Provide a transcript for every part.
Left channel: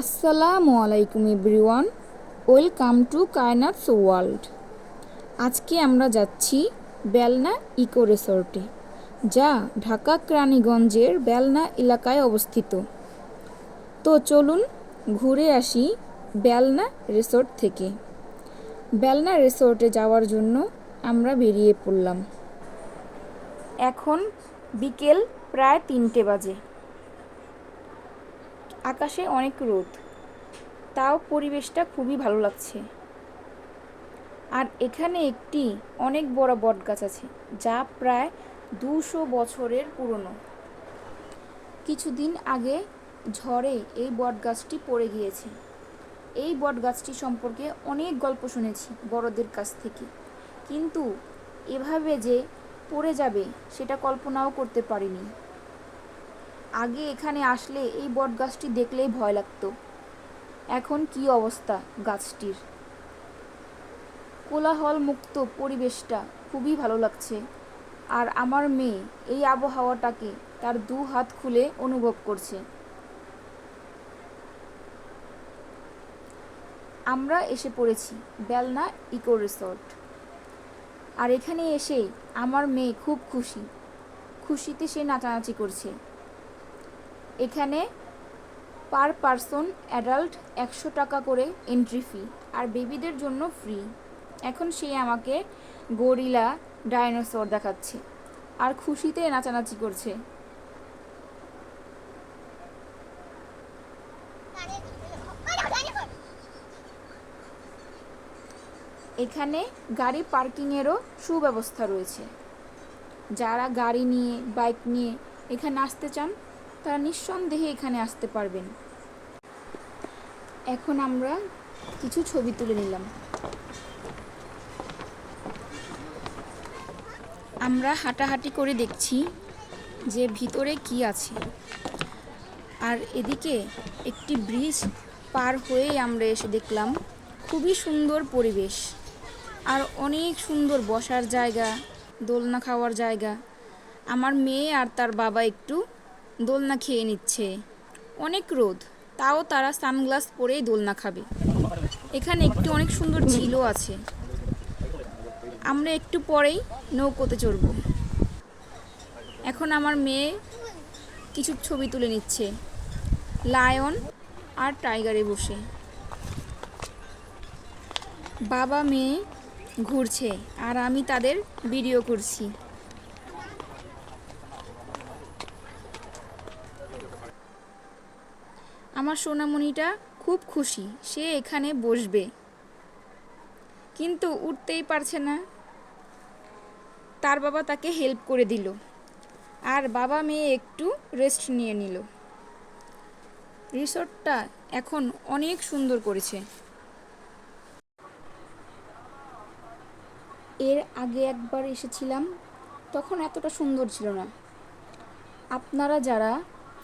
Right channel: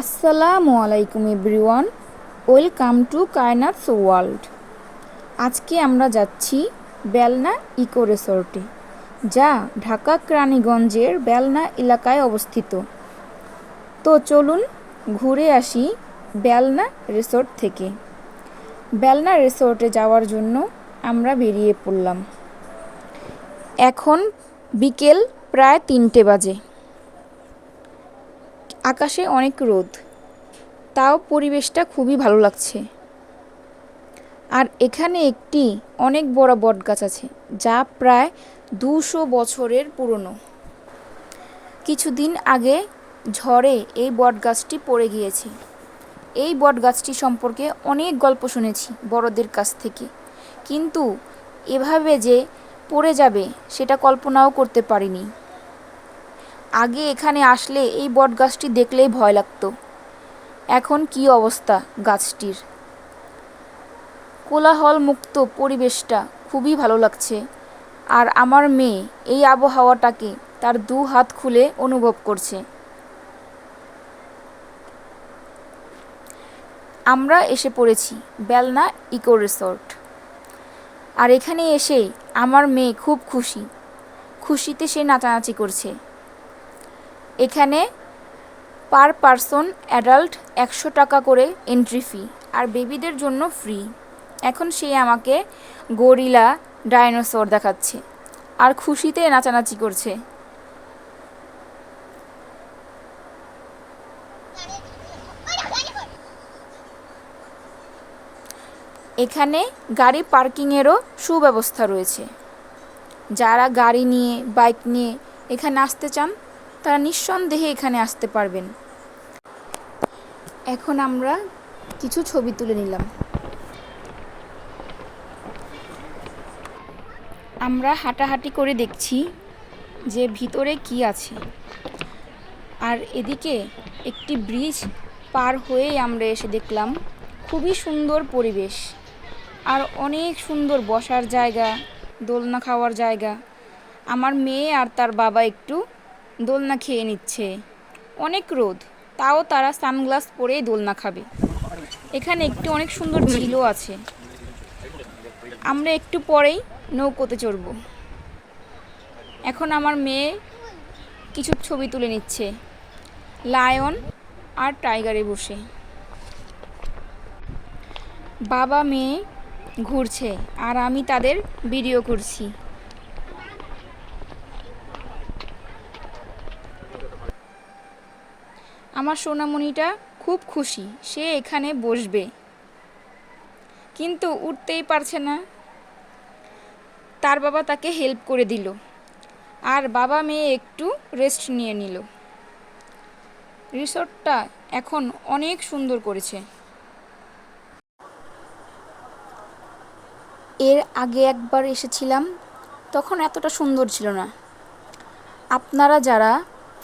আসসালামু আলাইকুম everyone, welcome to কায়নাথস world. আজকে আমরা যাচ্ছি বেলনা ইকো রিসোর্টে, যা ঢাকা কেরানীগঞ্জের বেলনা এলাকায় অবস্থিত। তো চলুন ঘুরে আসি বেলনা রিসোর্ট থেকে। বেলনা রিসোর্টে যাওয়ার জন্য আমরা বেরিয়ে পড়লাম। এখন বিকেল প্রায় 3টে বাজে। আকাশে অনেক রোদ, তাও পরিবেশটা খুবই ভালো লাগছে। আর এখানে একটি অনেক বড় বটগাছ আছে, যা প্রায় 200 বছরের পুরনো। কিছুদিন আগে ঝড়ে এই বটগাছটি পড়ে গিয়েছে। এই বটগাছটি সম্পর্কে অনেক গল্প শুনেছি বড়দের কাছ থেকে, কিন্তু এভাবে যে পড়ে যাবে সেটা কল্পনাও করতে পারিনি। আগে এখানে আসলে এই বটগাছটি দেখলেই ভয় লাগতো। এখন কি অবস্থা গাছটির! কোলাহল মুক্ত পরিবেশটা খুবই ভালো লাগছে। আর আমার মেয়ে এই আবহাওয়াটাকে তার 2 হাত খুলে অনুভব করছে। আমরা এসে পড়েছি বেলনা ইকো রিসোর্ট। আর এখানে এসেই আমার মেয়ে খুব খুশিতে সে নাচানাচি করছে। এখানে পার পারসন অ্যাডাল্ট 100 টাকা করে এন্ট্রি ফি, আর বেবিদের জন্য ফ্রি। এখন সে আমাকে গরিলা ডাইনোসর দেখাচ্ছে আর খুশিতে নাচানাচি করছে। এখানে গাড়ি পার্কিংয়েরও সুব্যবস্থা রয়েছে। যারা গাড়ি নিয়ে বাইক নিয়ে এখানে আসতে চান তারা নিঃসন্দেহে এখানে আসতে পারবেন। এখন আমরা কিছু ছবি তুলে নিলাম। আমরা হাঁটাহাঁটি করে দেখছি যে ভিতরে কি আছে। আর এদিকে একটি ব্রিজ পার হয়েই আমরা এসে দেখলাম খুবই সুন্দর পরিবেশ, আর অনেক সুন্দর বসার জায়গা, দোলনা খাওয়ার জায়গা। আমার মেয়ে আর তার বাবা একটু দোলনা খেয়ে নিচ্ছে। অনেক রোদ, তাও তারা সানগ্লাস পরেই দোলনা খাবে। এখানে একটি অনেক সুন্দর ঝিলও আছে। আমরা একটু পরেই নৌকোতে চড়ব। এখন আমার মেয়ে কিছু ছবি তুলে নিচ্ছে লায়ন আর টাইগারে বসে। বাবা মেয়ে ঘুরছে আর আমি তাদের ভিডিও করছি। আমার সোনামণিটা খুব খুশি, সে এখানে বসবে, কিন্তু উঠতেই পারছে না। তার বাবা তাকে হেল্প করে দিল, আর বাবা মেয়ে একটু রেস্ট নিয়ে নিল। রিসর্টটা এখন অনেক সুন্দর করেছে। এর আগে একবার এসেছিলাম, তখন এতটা সুন্দর ছিল না। আপনারা যারা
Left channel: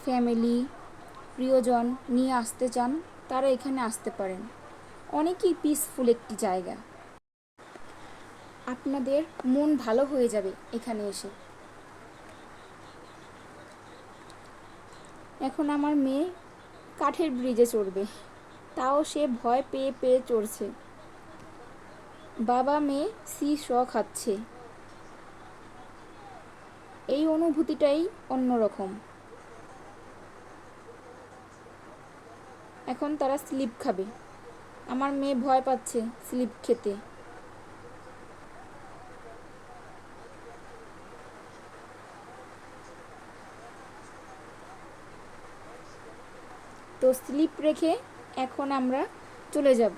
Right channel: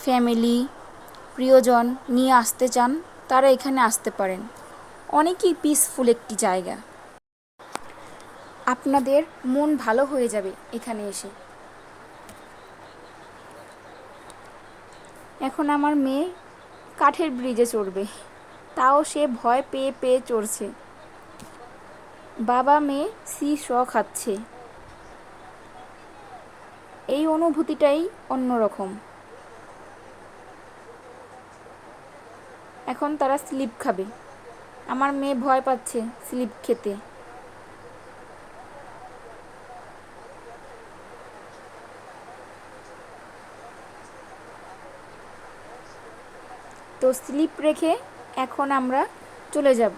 ফ্যামিলি প্রিয়জন নিয়ে আসতে চান তারা এখানে আসতে পারেন। অনেকই পিসফুল একটি জায়গা, আপনাদের মন ভালো হয়ে যাবে এখানে এসে। এখন আমার মেয়ে কাঠের ব্রিজে চড়বে, তাও সে ভয় পেয়ে পেয়ে চড়ছে। বাবা মেয়ে সি শ খাচ্ছে। এই অনুভূতিটাই অন্যরকম। এখন তারা স্লিপ খাবে। আমার মেয়ে ভয় পাচ্ছে স্লিপ খেতে। তো স্লিপ রেখে এখন আমরা চলে যাব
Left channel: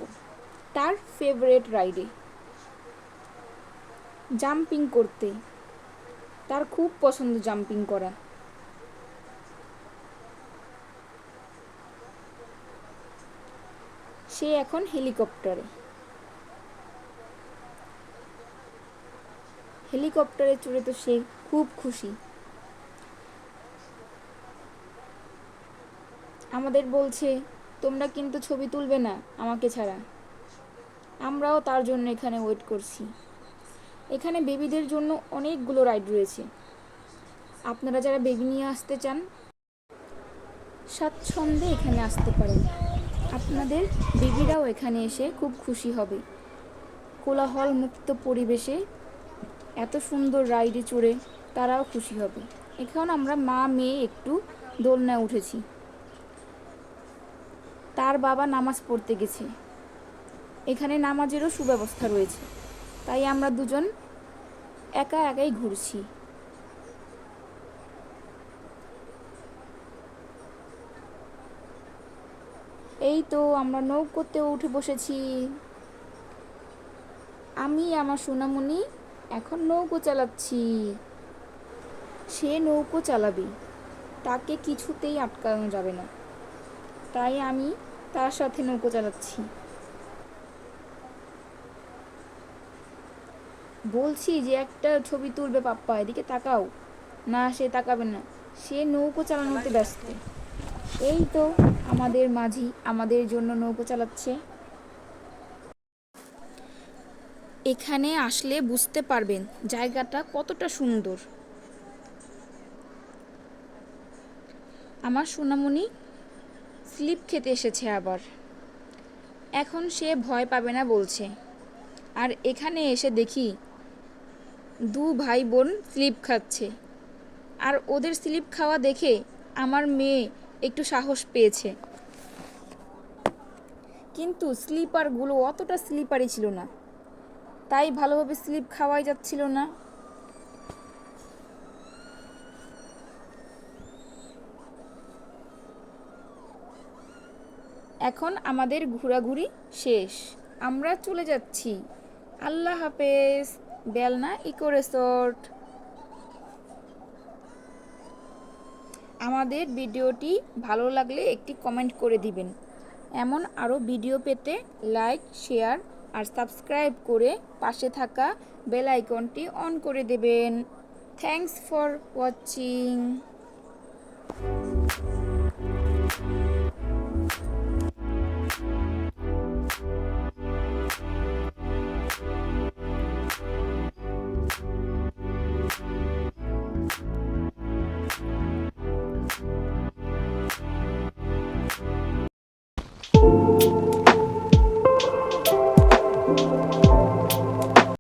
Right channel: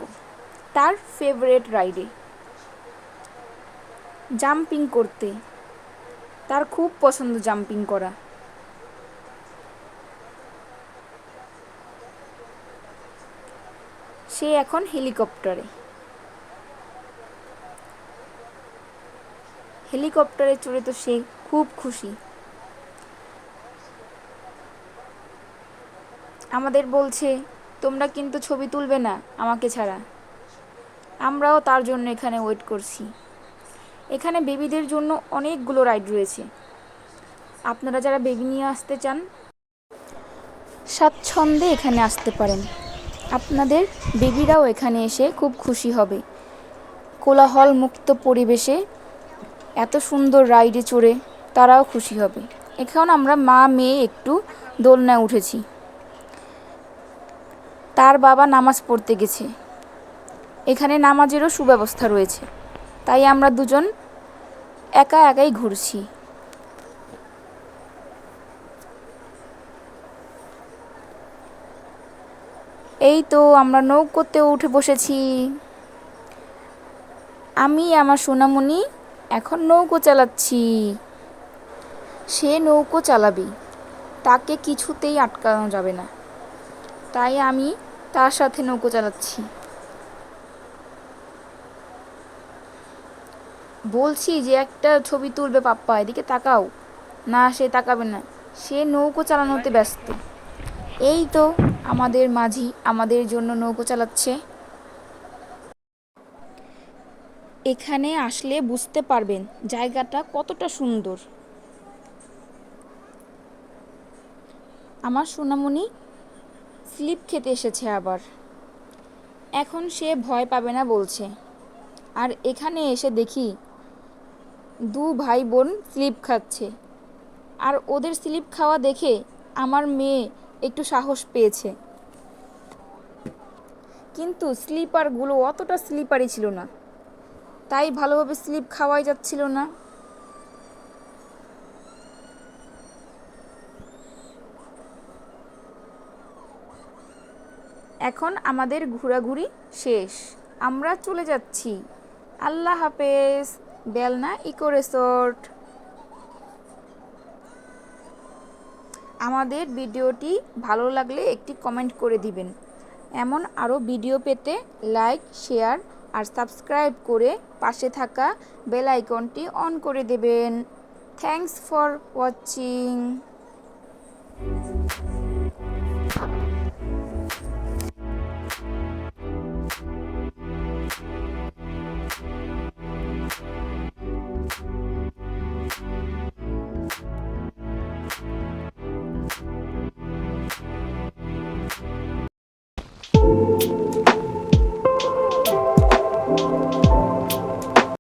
তার ফেভারিট রাইডে, জাম্পিং করতে। তার খুব পছন্দ জাম্পিং করা। সে এখন হেলিকপ্টারে চড়ে তো সে খুব খুশি। আমাদের বলছে, তোমরা কিন্তু ছবি তুলবে না আমাকে ছাড়া। আমরাও তার জন্য এখানে ওয়েট করছি। এখানে বেবিদের জন্য অনেকগুলো রাইড রয়েছে। আপনারা যারা বেবি নিয়ে আসতে চান স্বাচ্ছন্দ্যে এখানে আসতে পারেন। আপনাদের বেবিরাও এখানে এসে খুব খুশি হবে। কোলাহল মুক্ত পরিবেশে এত সুন্দর রাইডে চড়ে তারাও খুশি হবে। এখন আমরা মা মেয়ে একটু দোলনায় উঠেছি। তার বাবা নামাজ পড়তে গেছে। এখানে নামাজেরও সুব্যবস্থা রয়েছে, তাই আমরা দুজন একা একাই ঘুরছি। এই তো আমরা নৌকোতে উঠে বসেছি। আমি আমার সোনামণি এখন নৌকো চালাচ্ছি। সে নৌকো চালাবে, তাকে কিছুতেই আটকানো যাবে না, তাই আমি তার সাথে নৌকো চালাচ্ছি। বলছি যে একটা ছবি তুলবে পাপ্পা, এদিকে তাকাও। না, সে তাকাবে না, সে নৌকো চালানোতে ব্যস্ত। এই তো আমাদের মাঝি আমাদের জন্য নৌকো চালাচ্ছে। এখানে আসলে বুঝতে পারবেন জায়গাটা কতটা সুন্দর। আমার সোনামণি স্লিপ খেতে এসেছে আবার। এখন সে ভয় পাবে না বলছে। আর এখানে এসে দেখি দু ভাই বোন স্লিপ খাচ্ছে। আর ওদের স্লিপ খাওয়া দেখে আমার মেয়ে একটু সাহস পেয়েছে, কিন্তু স্লিপারগুলো অতটা স্লিপারই ছিল না, তাই ভালোভাবে স্লিপ খাওয়াই যাচ্ছিল না। এখন আমাদের ঘোরাঘুরি শেষ, আমরা চলে যাচ্ছি। আল্লাহ হাফেজ। বেলনা ইকো রিসোর্ট। আমাদের ভিডিওটি ভালো লাগলে একটি কমেন্ট করে দিবেন। এমন আরও ভিডিও পেতে লাইক, শেয়ার আর সাবস্ক্রাইব করে পাশে থাকা বেল আইকনটি অন করে দেবেন। Thanks for watching.